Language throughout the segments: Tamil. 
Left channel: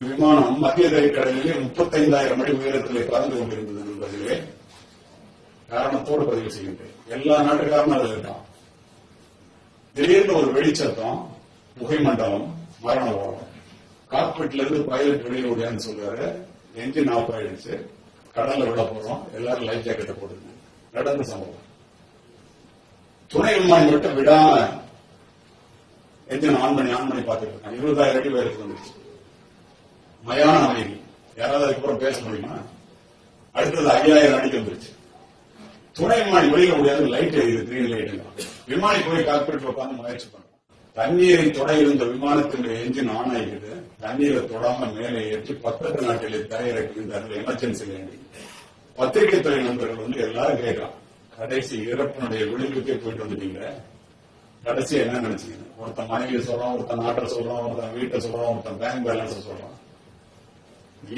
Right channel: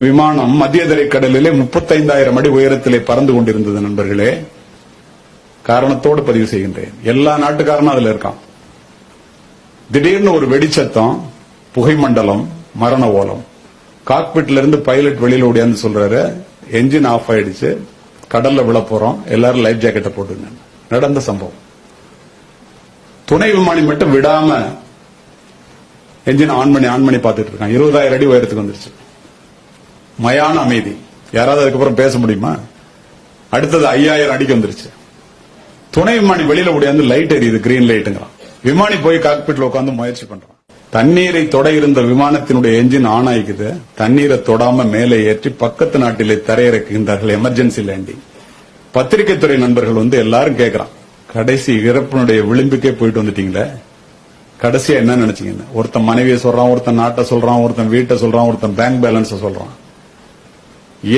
விமானம் மத்திய தரைக்கடலிலே 35,000 அடி உயரத்திலே பறந்து கொண்டிருந்தது நண்பர்களே. காரணத்தோடு பதிவு செய்கின்றேன். எல்லா நாட்டுக்காரனும் அதுல இருக்கான். திடீர்னு ஒரு வெடிச்சத்தம், புகை மண்டலம், மரண ஓலம். காக்பிட்ல இருந்து பைலட் வெளியில ஓடியாந்து சொல்றாரு, என்ஜின் ஆஃப் ஆயிடுச்சு, கடல்ல விழ போறோம், எல்லாரும் லைஃப் ஜாக்கெட்டை போட்டுங்க. நடந்த சம்பவம். துணை விமானி மட்டும் விடாம என்ஜின் ஆன் பண்ணி பார்த்துட்டு இருக்கான். 20,000 அடி உயரத்துக்கு வந்துருச்சு. மயான அமைதி. யாராவது அதுக்கப்புறம் பேச முடியுமா? அடுத்தது 5,000 அடிக்கு வந்துருச்சு. துணை விமானி வெளியில ஓடியாந்து லைட் எரியுது, கிரீன் லைட்டுங்கிறான். விமானி போய் காக்பிட்ல உட்காந்து முயற்சி பண்றான். தண்ணீரை தொட இருந்த விமானத்தினுடைய என்ஜின் ஆன் ஆகிக்குது. தண்ணீரை தொடாம மேலே ஏற்றி பக்கத்து நாட்டிலே தரையிறக்குகின்றார்கள். Emergency landing. பத்திரிகை துறை நண்பர்கள் எல்லாரும் கேட்கறான், கடைசி இறப்பினுடைய விளிம்புக்கே போயிட்டு வந்துட்டீங்களே, கடைசியா என்ன நினைச்சீங்க? ஒருத்தன் மனைவியை சொல்றான், ஒருத்தன் நாட்டை சொல்றான், ஒருத்தன் வீட்டை சொல்றான், ஒருத்தன் பேங்க் பேலன்ஸ் சொல்றான்.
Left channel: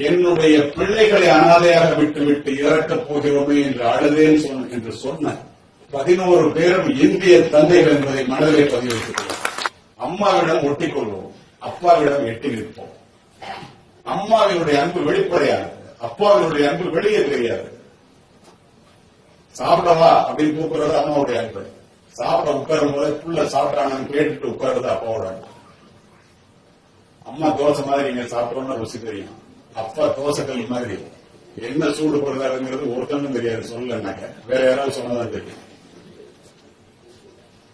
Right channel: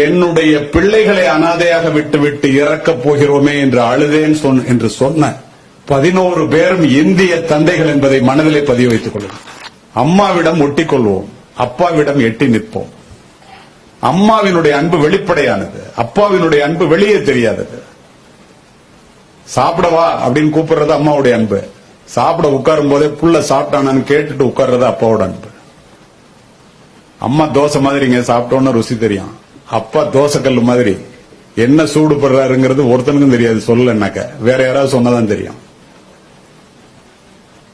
என்னுடைய பிள்ளைகளை அனாதையாக விட்டுவிட்டு இறக்கப் போகிறோமே என்று அழுதேன் என்று சொன்ன 11 பேரும் இந்திய தந்தைகள் என்பதை மனதிலே பதிவு வைத்துக் கொள்வோம். அம்மாவிடம் ஒட்டிக்கொள்வோம், அப்பாவிடம் எட்டி நிற்போம். அம்மாவினுடைய அன்பு வெளிப்படையானது, அப்பாவினுடைய அன்பு வெளியே தெரியாதது. சாப்பிடவா அப்படின்னு கூப்பிடுறது அம்மாவுடைய அன்பு. சாப்பிட உட்காரும் போதே புள்ள சாப்பிட்டானு கேட்டுட்டு உட்கார்றது அப்பாவோட அன்பு. அம்மா தோசை மாதிரிங்க, சாப்பிட்டோன்னு ருசி தெரியும். அப்பா தோசைக்கல் மாதிரி என்ன சூடு படுறாருங்கிறது ஒருத்தனுக்கும் தெரியாது. சொல்லலன்னாக்க வேற யாராவது சொன்னதான் தெரியும்.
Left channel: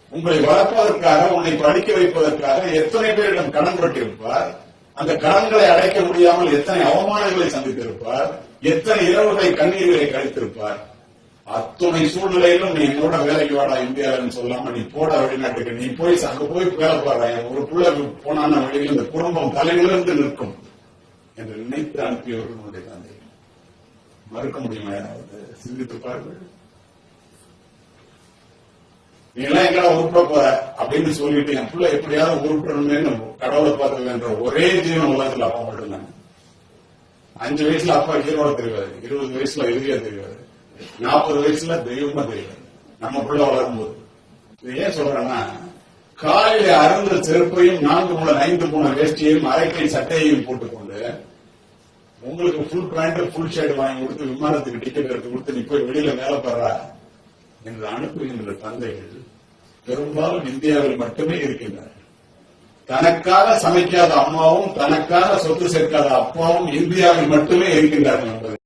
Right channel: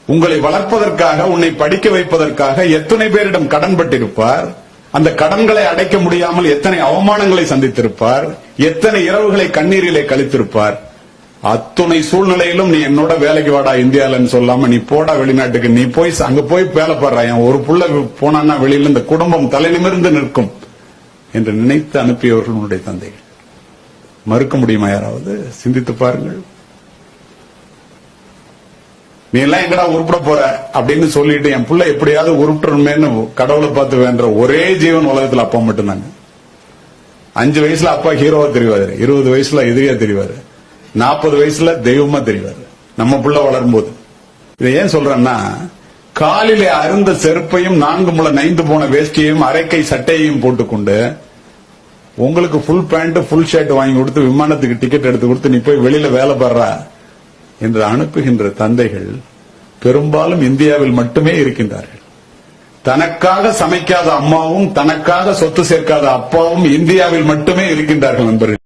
உங்களை வளர்ப்பதற்காக, உன்னை படிக்க வைப்பதற்காக எத்தனை பேரிடம் கடன் பட்டிருப்பார். அந்த கடன்களை அடைக்க முடியாமல் எத்தனை அவமானங்களை சந்தித்திருப்பார். எத்தனை இரவுகளை கண்ணீரிலே கழித்திருப்பார். அத்துணை சூழ்நிலையிலும் நீ என்னோட வேலைக்கு வாடா இந்தியாலன்னு சொல்லாம நீ போடா வெளிநாட்டுக்கு, நீ போய் அங்க போய் வேலை பாடுற, ஒரு புள்ள போனான்னா வெளியில இந்த குடும்பம் தலை நிமிர்ந்து நிற்கும் என்று நினைத்து அனுப்பியவர்கள் உன்னுடைய தந்தைகள். மறுக்க முடியுமா? யாராவது சிந்தித்து பாருங்கள். நீ எல்லாம் எங்கடா உருப்பிட போற அப்படின்னு சொல்லிட்டு என் புள்ள எப்படியாவது உருப்பிடணுமேன்னு கடவுளை பார்த்து வேண்ட ஒரே ஜீவன் உலகத்தில் அப்பா மட்டும்தாங்க. 5 வயசுல அப்பா ஹீரோவா தெரிவாரு, 20 வயசுல எதிரியா தெரிவாரு, 40 வயசுல தெய்வமா தெரிவாரு. நம்ம புள்ள வளரும்போது இதை ஏன் சொல்றேன்னா, காலிலே அருந்த செருப்பையும் 4 முழ நைந்து போன வேஷ்டியையும் அரைக்கை சட்டையையும் போட்டுக்கொண்டு உங்களுக்கு ஃபுல் பேண்ட் ஃபுல் ஷர்ட் வாங்கி கொடுத்து விமானத்துக்கு டிக்கெட் எடுத்து கொடுத்து நீ போய் வெளியில வேலை பாடுறா என்று அனுப்புகின்ற தந்தைகள் பெரும்பாலும் இந்தியாவில் மட்டுமே இருக்கின்றார்கள். தனக்காக சமைக்காத அம்மாவும் தனக்காக சொத்து சேர்க்காத அப்பாவும் இந்தியாவில் மட்டுமே இருக்கின்றார்கள் நண்பர்கள்.